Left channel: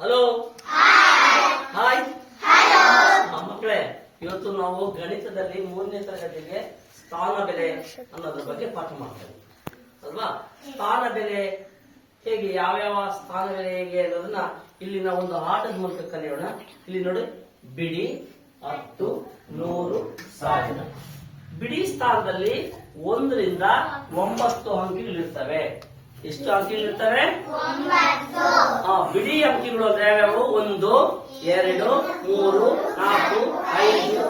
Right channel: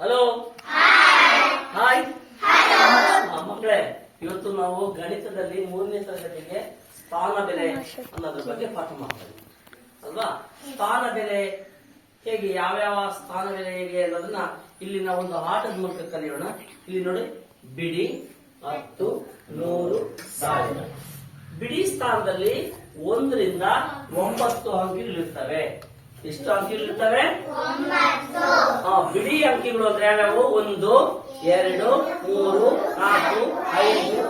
Hello? Hi. ಮಕ್ಕಳೇ ಇವತ್ತು ನಾವು ಗಣಿತದಲ್ಲಿ ಮೂರನೇ ತರಗತಿಗೆ ಸ್ಥಾನ ಬೆಲೆ ಅನ್ನೋದ್ರ ಬಗ್ಗೆ ಪಾಠ ಮಾಡ್ತೇವೆ. ಅಲ್ವಾ? ಸ್ಥಾನ ಬೆಲೆ ಹೇಗೆ ಯಾವ್ಯಾವ ಸ್ಥಾನ ಬೆಲೆ ಹೇಗೆ ಅನ್ನೋದನ್ನ ಇಲ್ಲಿನ ಒಂದು ಆಟದ ಮೂಲಕ ಕಲಿಯೋಣ. ಇಲ್ಲಿ ನೋಡಿ ಬಿಡಿ ಹತ್ತು ನೂರು ಸಾವಿರ. ಬಿಡಿ ಸ್ಥಾನದಲ್ಲಿ ಒಂದರಿಂದ ಒಂಬತ್ತು ಅಂಕಿಗಳಿರ್ತವೆ. ಎಷ್ಟು ಅಂಕಿಗಳಿರ್ತವೆ ಆ, ಬಿಡಿ ಅಂಕಿಗಳು ಅಂದ್ರೆ ಯಾವ್ಯಾವು ಒಂದು ಎರಡು ಮೂರು ನಾಲ್ಕು ಐದು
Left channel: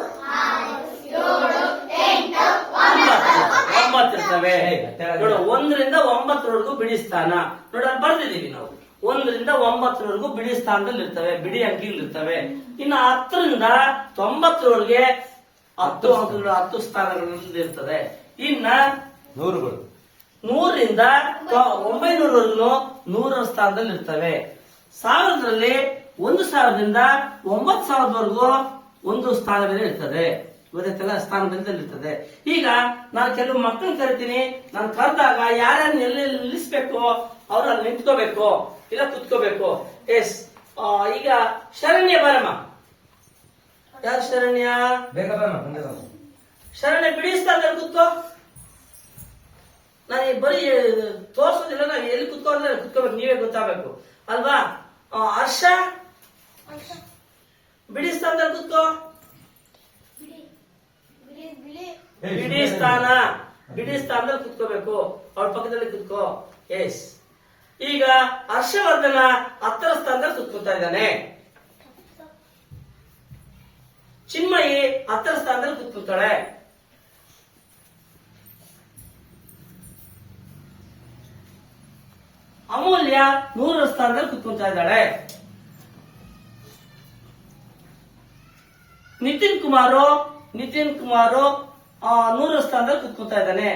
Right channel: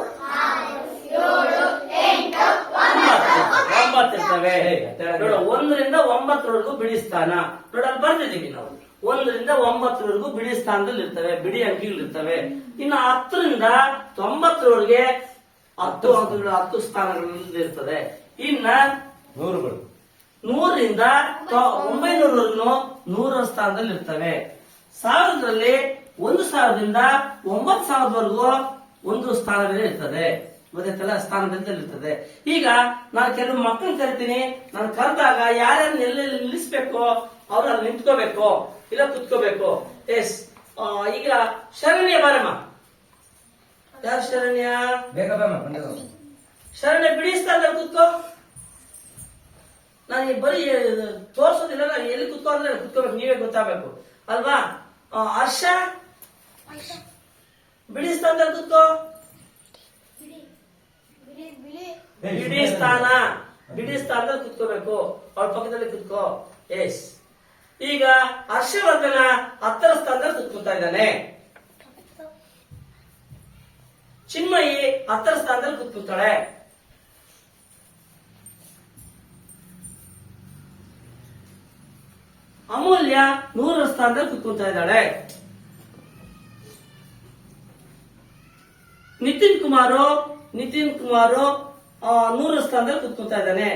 ಒಂಬತ್ತು. ಒಂಬತ್ತು ಇರ್ತವೆ. ನೋಡು ಒಂದರಿಂದ ಒಂಬತ್ತರವರೆಗೂ ಬಿಡಿ ಸ್ಥಾನ. ನೋಡ ಅಲ್ಲಿ ಬರ್ದಿದೀವಿ ನಾವು. ಒಂದರಿಂದ ಒಂಬತ್ತರವರೆಗೂ ಬಿಡಿ ಸ್ಥಾನದಲ್ಲಿ ಇರ್ತವೆ ಬಿಡಿ ಅಂಕಿಗಳು ಇರ್ತವೆ. ಇನ್ನು ಹತ್ತರಿಂದ ತೊಂಬತ್ತರವರೆಗೆ ಹತ್ತು ಅಂಕಗಳು ಹತ್ತು ಸ್ಥಾನಗಳಲ್ಲಿ ಇರ್ತದೆ. ಇನ್ನ ನೂರುಗಳು. ನೂರರಿಂದ ಒಂಬೈನೂರನ್ನು ನೂರ ಸ್ಥಾನದಲ್ಲಿ ಇರ್ತವೆ ಸಾವಿರದಲ್ಲಿ ಒಂದು ಸಾವಿರದಿಂದ ಒಂಬತ್ತು ಸಾವಿರದವರೆಗೂ ಒಂದು ಸ್ಥಾನದಲ್ಲಿ ಇರ್ತದೆ. ಇವತ್ತೆಲ್ಲ ಸ್ಥಾನ ಬೆಲೆದಲ್ಲಿ ಇರ್ತದೆ ಈಗ ನಾನು ಕೆಲವು ಮಕ್ಕಳನ್ನ ಕರಿತೀನಿ. ನಾನು ಕರೆದಾಗ ಯಾರನ್ನ ಎಲ್ಲಿ ನಿಲ್ಲಿಸ್ಬೇಕು ಅವ್ರು ಅಲ್ಲಿ ನಿಂತ್ಕೋಬೇಕು ಇಲ್ಲ ಕುತ್ಕೋಬೇಕು. ಎಸ್ ಈಗ ಶರಣ್ಯ ಬಾರಮ್ಮ ಯಾರು ಶರಣ್ಯ? ಶರಣ್ಯ ಬಿಡಿಸ್ತಾ ಸ್ಥಾನದಲ್ಲಿ ಕುತ್ಕೋ. ನಾನು ಬರೀ ತೋರ್ಸೋದಿಲ್ಲ, ನಾನು ಎಲ್ಲಿ ಕುತ್ಕೊಂಡ್ರೆ ಕುತ್ಕೋಬೇಕು, ನೀವೇ ಗೊತ್ತಾಗಬೇಕು. ಅಲ್ವಾ? ಹರ್ಷ? ಬಿಡಿ ಸ್ಥಾನದಲ್ಲಿ ಕುತ್ಕೋ. ಬಿಡಿ ಸ್ಥಾನ. ಬಿಡಿ ಸ್ಥಾನದಲ್ಲಿ ಕುತ್ಕೋಬೇಕು. ಅವ್ರ ಪಕ್ಕದಲ್ಲಿ ಕುತ್ಕೋ. ಎಸ್ ಈಗ ಹರ್ಷವರ್ಧನ ಹತ್ತರ ಸ್ಥಾನದಲ್ಲಿ ಕುತ್ಕೋತಾ ಇದ್ದಾನೆ. ಚಿನ್ಮಯಿ ಹತ್ತರ ಸ್ಥಾನದಲ್ಲಿ ಕುತ್ಕೋತಾಳೆ ಅಮೂಲ್ಯ ನೂರರ ಸ್ಥಾನದಲ್ಲಿ ಕುತ್ಕೊಂತಾ ಇದ್ದಾಳೆ. ನಿತಿನ್ ಕುಮಾರು ನಿತಿನ್ ಕುಮಾರು ಆ, ನೂರರ ಸ್ಥಾನದಲ್ಲಿ ಕುತ್ಕೊಂತಾ ಇದ್ದಾನೆ.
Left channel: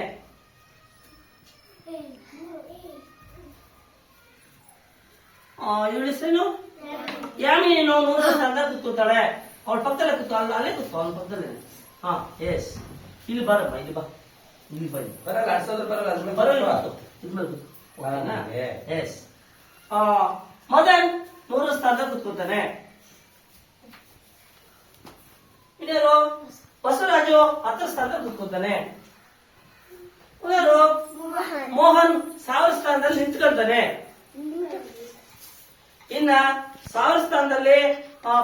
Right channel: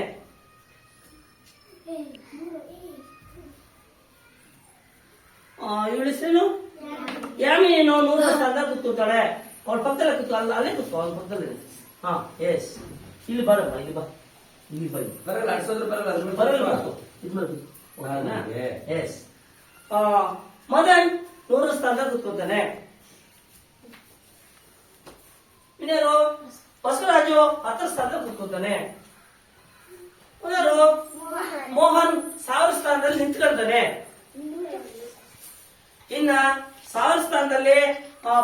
ಇವಳ ಹೆಸರೇನು? ಯಾಮಿನೀನು ನೂರರ ಸ್ಥಾನದಲ್ಲಿ ಕುತ್ಕೊತಾಳೆ. ಅವಳ ಪಕ್ಕದಲ್ಲೇ ಕುತ್ಕೊ ಅಲ್ಲ ಅಲ್ಲೇ ಕುತ್ಕೋ ಅವಳ ಪಕ್ಕದಲ್ಲೇ. ಹಾ ಎಸ್ ಇಲ್ಲಿ ಬರಮ್ಮ ಇಲ್ಲಿ ಬಾ. ಇಲ್ಲಿ ಬನ್ನಿ. ಬರಲ್ಲ ಬರಲ್ಲ ಬರಲ್ಲ. ಇದ್ ಆ, ಮದನ್ ನೂರ ಸ್ಥಾನ ಕೂತ್ಕೊತಾನೆ ಇನ್ಯಾರು ಬಸವರಾಜು ಹತ್ತು ಸ್ಥಾನದಲ್ಲಿ ಕೂತ್ಕೊತಾನೆ ಮೋಹನ್ ಸಾವಿರ ಸ್ಥಾನದಲ್ಲಿ ನಿಂತ್ಕೊಳ್ತಾನೆ ಇನ್ನ ಸಾವಿರ ಸ್ಥಾನದಲ್ಲಿ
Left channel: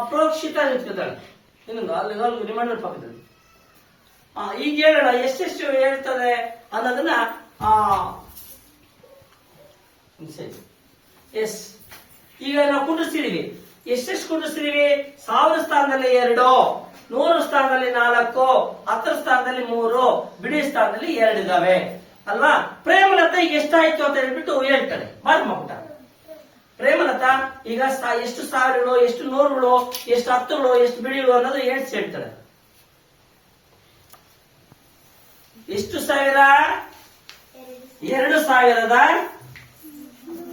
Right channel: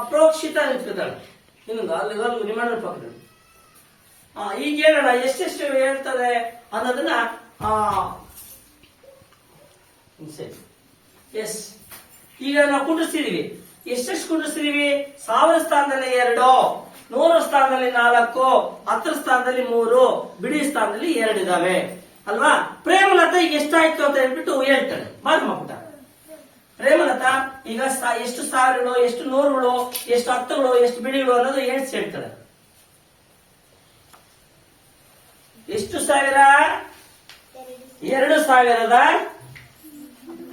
ಪ್ರೋಕ್ಷಿತ ನಿಂತ್ಕೊತಾಳೆ ಇನ್ನೊಂದು ಅಲ್ಲಿ ನಿಮ್ಮ ಪಕ್ಕದಲ್ಲಿ. ಈಗ ಹೇಳೋಣ ಎಷ್ಟೆಷ್ಟು ಹೇಳ್ತದೆ ಅನ್ನೋದನ್ನ ಎಸ್ ಈಗ ನಾವು ಕುಂಡಿಸ್ತಿದೀವಿ ಎಷ್ಟೆಷ್ಟು ಕುಂಡಿಸ್ತಿದೀವಿ ಸಾವಿರ ಸ್ಥಾನದಲ್ಲಿ ಎರಡು, ನೂರು ಸ್ಥಾನದಲ್ಲಿ ನಾಲ್ಕು, ಹತ್ತರ ಸ್ಥಾನದಲ್ಲಿ ಮೂರು, ಬಿಡಿ ಸ್ಥಾನದಲ್ಲಿ ಎರಡು ಇದಾವೆ. ಅಲ್ವಾ? ಪ್ರೇಮಲತಾ ಈಗ ಎಷ್ಟಾಯ್ತು ಅಂತ ಹೇಳ್ಬಿಟ್ಟು ಹೇಳ್ತಾರೆ ಮಾಡಮ್ಮ ಪುಟ ಪ್ರೇಮಲತಾ, ಈಗ ಎಷ್ಟು ಸಾವಿರಗಳು, ಎಷ್ಟು ನೂರುಗಳು, ಎಷ್ಟು ಹತ್ತುಗಳು, ಎಷ್ಟು ಬಿಡಿಗಳು ಅನ್ನೋದು ಹೇಳ್ಸಿ ಹೇಳ್ತಾರೆ ಎಷ್ಟು ಸಾವಿರ? ಎರಡು ಸಾವಿರದ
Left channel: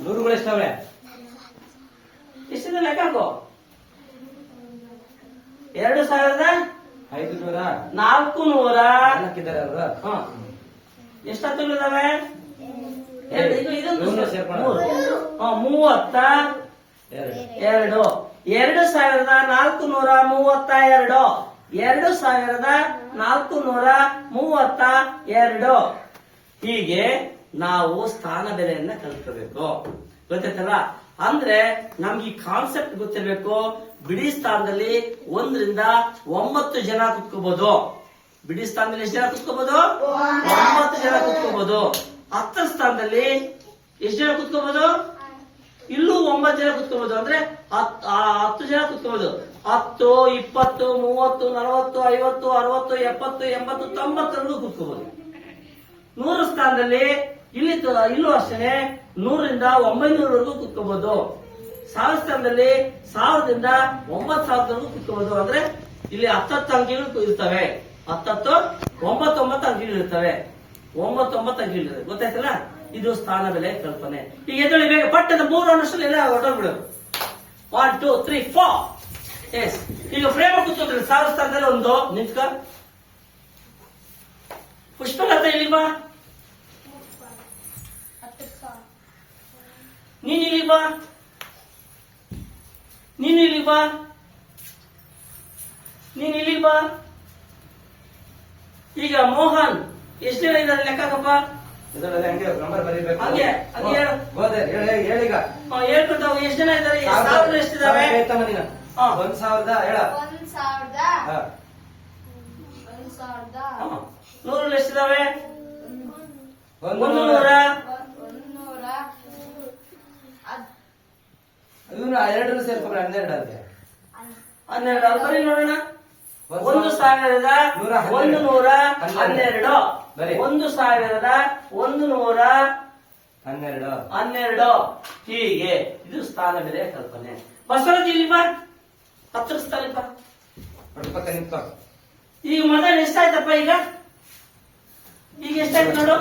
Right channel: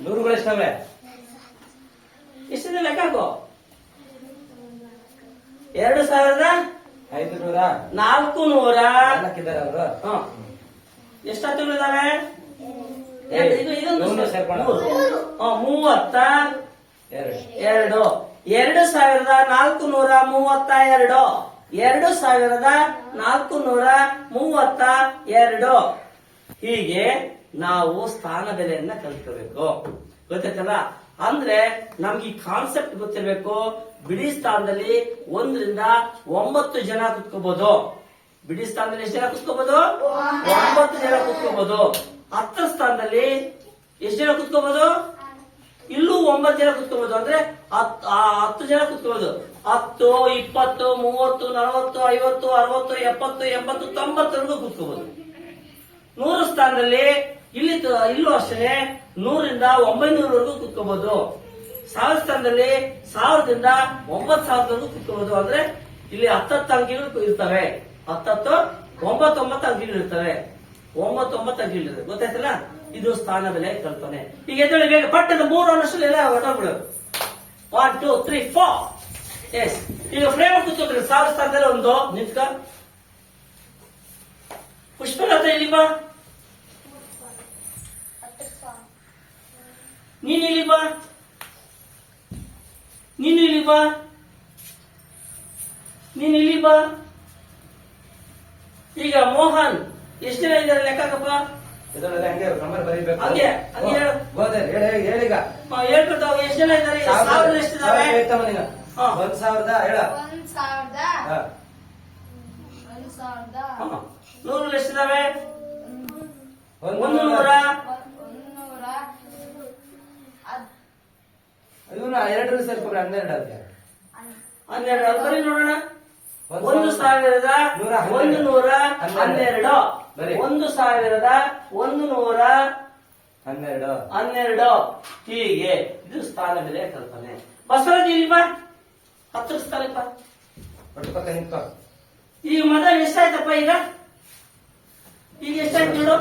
ನೂರುಗಳು ಎಷ್ಟವೆ ಎಷ್ಟಿದೆ ಲೆಕ್ಕ ಹಾಕು ಎರಡು ಸಾವಿರದ ಐದು ನೂರ ನಾಲ್ಕು ನೂರ ನಾಲ್ಕಿದ್ದಾರೆ ಅವರು. ಹ. ಎಷ್ಟು ಹತ್ತುಗಳಿದಾವೆ ಎರಡು, ಇದು ಇದೊಂದು ಮೂರು ಸೇರ್ಕೊಂಡು. ಮೂರು. ಹ, ಮೂವತ್ತ ಎರಡು. ಎರಡು. ಸಾವಿರದ ನಾಲ್ಕು ನೂರ ಮೂವತ್ತ ಎರಡು. ಎರಡು ಸಾವಿರದ ನಾಲ್ಕು ನೂರ ಮೂವತ್ತ ಎರಡು. ಹೀಗೆ ನಾವು ಸ್ಥಾನ ಬೆಲೆಯನ್ನ ಕಲ್ತ್ಕೋಬೇಕು ಗೊತ್ತಾಯ್ತಲ್ಲ ಅಂದ್ರೆ ನಮ್ಗೆ ಈ ಕಾನ್ಸೆಪ್ಟ್ ಗೊತ್ತಿರಬೇಕು. ಬಿಡಿ ಸ್ಥಾನದಲ್ಲಿ ಒಂದರಿಂದ ಒಂಬತ್ತು ಜನ ಕುತ್ಕೋಬಹುದು ಬಿಡಿ ಸ್ಥಾನದಲ್ಲಿ ಎಷ್ಟು ಜನ ಕುತ್ಕೋಬಹುದು ಒಂಬತ್ತು ಜನ ಕುತ್ಕೋಬಹುದು ಹತ್ತರ ಸ್ಥಾನದಲ್ಲಿ ಎಷ್ಟು ಜನ ಕುತ್ಕೋಬಹುದು ಇಲ್ಲೂ ಒಂಬತ್ತು ಜನ ಕುತ್ಕೋಬಹುದು ಅಂದ್ರೆ ಹತ್ತು ಜನ ಕುತ್ಕೋಬಹುದು ಹತ್ತು, ಇಪ್ಪತ್ತು, ಮೂವತ್ತು, ನಲವತ್ತು, ಐವತ್ತು, ಅರವತ್ತು, ಎಪ್ಪತ್ತು, ಎಂಬತ್ತು ತೊಂಬತ್ತರೆಗೂ ಕುತ್ಕೋಬಹುದು ನೂರು ಸ್ಥಾನದಲ್ಲಿ ಇಲ್ಲಿ ಇಲ್ಲೂ ಅಷ್ಟೇ ನೂರಿಂದ ಒಂಬೈನೂರವರೆಗೂ ಕುತ್ಕೋಬಹುದು ಸಾವಿರ ಸ್ಥಾನದಲ್ಲಿ ಸಾವಿರದಿಂದ ಒಂಬತ್ತು ಸಾವಿರದವರೆಗೂ ಕುತ್ಕೋಬಹುದು ಅಂದ್ರೆ ಇಲ್ಲಿ ಹತ್ತತ್ತು ಅಂಕಿಗಳು ಇರ್ತವೆ. ಹತ್ತತ್ತು, ಒಂಬತ್ತೊಂಬತ್ತು ಅಂಕಿಗಳು ಇರ್ತವೆ. ಒಂಬತ್ತೊಂಬತ್ತು ಅಂಕಿಗಳು ಗೊತ್ತಾಯ್ತಲ್ಲ? ಇದು ಸ್ಥಾನ ಬೆಲೆ ಕಲ್ಪನೆ. ಈಗ ಎದ್ದೇಳಿ ಬೇಗ. ಪಟ್ಟದ ಮೂರು ಅನ್ನಷ್ಟು ಎಲ್ಲ ಹೊರಟೋಗ್ಬಿಡು one two three four yes ಈಗ ಫ್ರೇಮ್ ಕೂತ್ಕೋತಾರೆ ಸಾವಿರ ಸ್ಥಾನದಲ್ಲಿ ಒಂದು. ನಿಂತ್ಕ. ಪುಷ್ಪಲತಾ ಇಲ್ಲಿ ಬಾ ನೀನ್ ಇಲ್ಲಿ ಬಾ ನೀನ್ ಇಲ್ಲಿ ಬಾ ನೀನ್ ಇಲ್ಲಿ ಬಾ ಈಗ ಮೋಹನ್ ಎಷ್ಟು ಜನ ಇದ್ದಾರೆ ಲೆಕ್ಕಪ್ಪ ಹಂಗೆ ನಂಬರ್ ಬರೀಬೇಕು ಹಂಗೆ, ಹಂಗೆ ಹೇಳು. ಹೋದೆ ಹೇಳಿ ಹೇಳೀಗ ಹಾ, ಹೇಳ್ಕೊತಾವ್ ಎಷ್ಟು ಜನ ಇದ್ದಾರೆ ಸಾವಿರ ನೀನು. ಹಾ. ಒಂದ್ ಸಾವಿರದ ಹೇಳ ಒಂದ್ ಸಾವಿರದ ಹಾ. ಒಂದ್ ಸಾವಿರದ ಹಾ. ನೂರು ಎಷ್ಟಿದಾವೆ ಒಂದ್ ನೂರ ಎರಡು ಸೇರ್ಕೊಂಡು ಹನ್ನೆರಡು ಅದಕ್ಕೆ ಹನ್ನೆರಡು ಅದರಲ್ಲಿ ನೋಡೋಣ. ಒಂದು ಸಾವಿರದ ನೂರ ಹನ್ನೆರಡು. ಒಂದು ನೂರ ಹನ್ನೆರಡು. ಒಂದು ಸಾವಿರದ ಒಂದು ನೂರ ಹನ್ನೆರಡು. ಹನ್ನೆರಡು. ಹೀಗೆ. ಇದು ಸ್ಥಾನ ಬೆಲೆ ಕಲ್ಪನೆ. ಬಸವರಾಜ್ ಇಲ್ಲಿ ಬಾ. ಹತ್ತು ಸ್ಥಾನ ಬಾ ಹೊಡ್ಕೊತ ನಿಂತ್ಕೋ ಈಗ ಮೊದಲು ಎಷ್ಟಾಯ್ತಪ್ಪ ಈಗ? ಈಗ ಎಷ್ಟಾಯ್ತು ನೋಡು?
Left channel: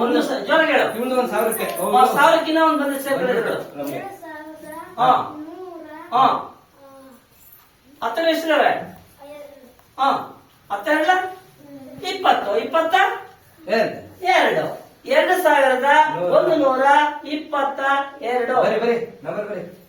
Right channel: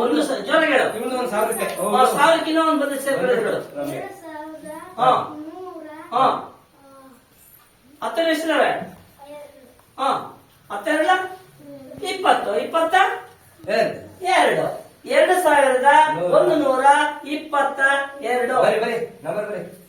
ಒಂದು ಜೋರಾಗಿ ಹೇಳು. ಇವ್ನು ಒಂದ್ ಸಾವಿರಕ್ಕೆ. ಆ ಸಾವಿರಕ್ಕಿಂತ ಒಂದು ಬಂದ ಸಾವಿರದ ಹಾ. ಹಾ. ಹತ್ತರ ಎಷ್ಟಿದಾವೆ. ಹಾ. ಹತ್ತೆರಡ ಇಪ್ಪತ್ತು. ಇಪ್ಪತ್ತ? ಎರಡು. ಎರಡು ಸಾವಿರದ. ಒಂದು ನೂರ ಇಪ್ಪತ್ತ ಎರಡು. ಬರಿ ಬರಿ. ನಂಬರ್ ಬರಿ.